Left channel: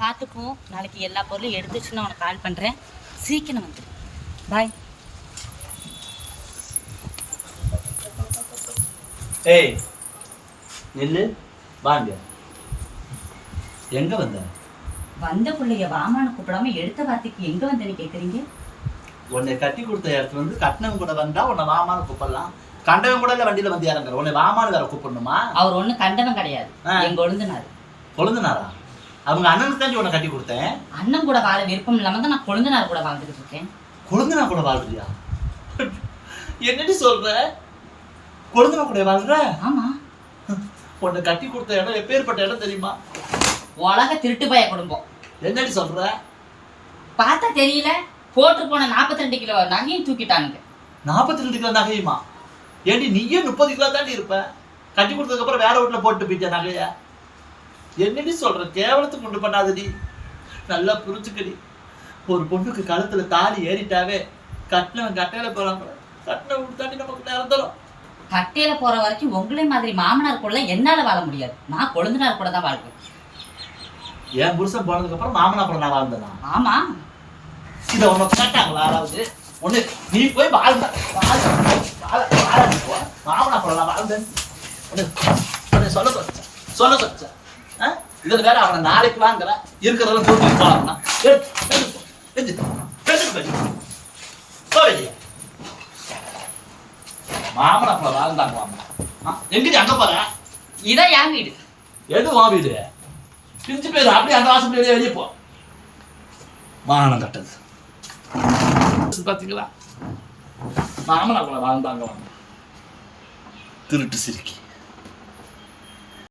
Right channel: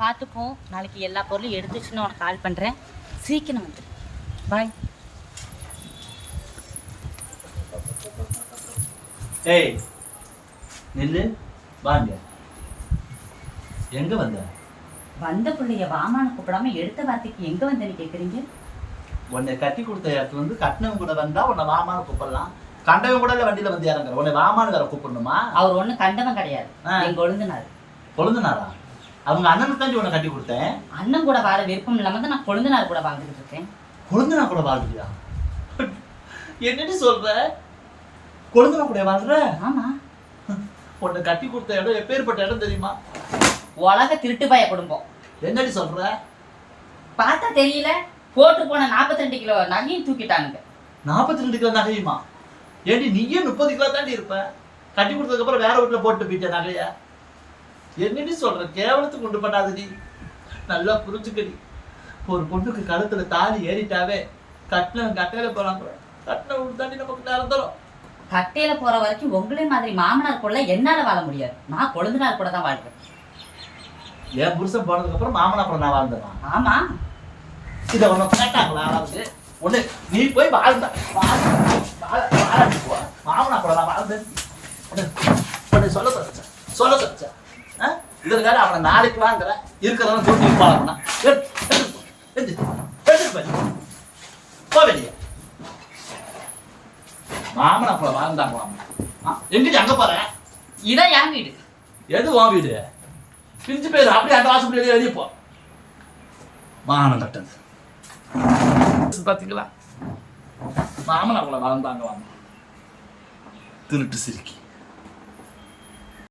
பார்த்துப்போம் நாளைக்கு எல்லா பொருளும் எடுத்து வச்சு நான் உனக்கு கால் பண்ணுறேன் சீக்கிரம் வந்துடு பாய் ஏய் நில்லு வாங்க. எங்க வந்த? வந்த பிள்ளைய வாமான்னு கூப்பிடாம எடுத்த வார்த்தைக்கு எங்கே வந்தேன்னு கேட்குறீங்க உன்னை கட்டி கொடுத்த இடத்துல வந்து கட்டினவங்க கூட வந்தா உன்னை வாமான்னு கூப்பிடலாம். கண்டவன் கூட இல்ல வண்டியில வந்து இறங்குற. உன்னை வாமான்னு வேற கூப்பிடணுமா? அவர் ஒன்றும் கண்டவன் கிடையாது. எங்க ஒழுந்தினார் கொழுந்தனாரா? அவங்க அண்ணனுக்கு தாண்டி உன்னை கட்டி கொடுத்தேன். அண்ணன் கூட வாழ விருப்பம் இல்லாம தான் நான் கொழுந்தனார் கூட வாழ்ந்துக்கிட்டு இருக்கேன். கொழுந்தனா கூட வாழ்றியா என்னடி சொல்ற? கொழுந்தனா கூட வாழ்ற? ஆமா. உன்னை கட்டி கொடுத்த இடம் எப்பேற்பட்ட இடம் தெரியுமா? உலக திருட்டு பய குடும்பம். என்னடி சொல்ற? பார்த்தா தெரியல போட்டு போன 42 கிலோ நகையும் தூக்கிட்டானுங்க. நாற்பத்தி ரெண்டு கிலோ நகையுமா? ஏண்டி நீயே முப்பது கிலோ தாண்டி இருப்ப. கட்டி கொடுத்ததுக்கு அப்புறம் வேற வீட்டுல போட்டு போயிட்ட நகைய? என்னடி சொல்ற? கேவலத்துக்கு கொண்டு பண்ணாதடி நல்லா புரிஞ்சுக்கடி ஒரு பொண்ணுக்கு கழுத்துல தாலி ஏறிட்டாவே கட்டினவன் கட்டையில போறாம கட்டினவன் தாண்டி நமக்கு நிரந்தரம். கட்டையில போற வரைக்கும் உங்களே மாதிரி மாமனார் கூட என்னால வாழ முடியாது. நான் கொழுந்தனார் கூட தான் வாழ்வேன். என் புருஷன் போனதுக்கு அப்புறம் மாமனா கூட நான் வாழ்ந்தேனா? ஆமா. இதை உன்னை கேட்டாங்களா யாராவது? ஒண்ணு நீ போய் வாழ்ந்த. வாழ் வாழ வாழ நீ போ. மாமனா கூட நான் வாழ்ந்தேன். ஒண்ணு சொல்ல சொல்ல சொல்லிச்ச இதுல வேற அவனை நாளைக்குலாங்கிற இருக்கிறவங்க தூக்கி வெளியே. மாமனா கூட வாழ்ந்தாங்களாமா எங்க நீ அங்க போற? இதான் என் வீடு. எது உன் வீடு? பிரிஞ்சு போயிரு அப்படியே அந்த வாசல் வெளியே வெளியே போ. மானம் கட்டது. பாத்தீங்களா? மாமன் அவங்கள வாழ்ந்தாங்க வாங்க திருட்டு சிரிக்கி.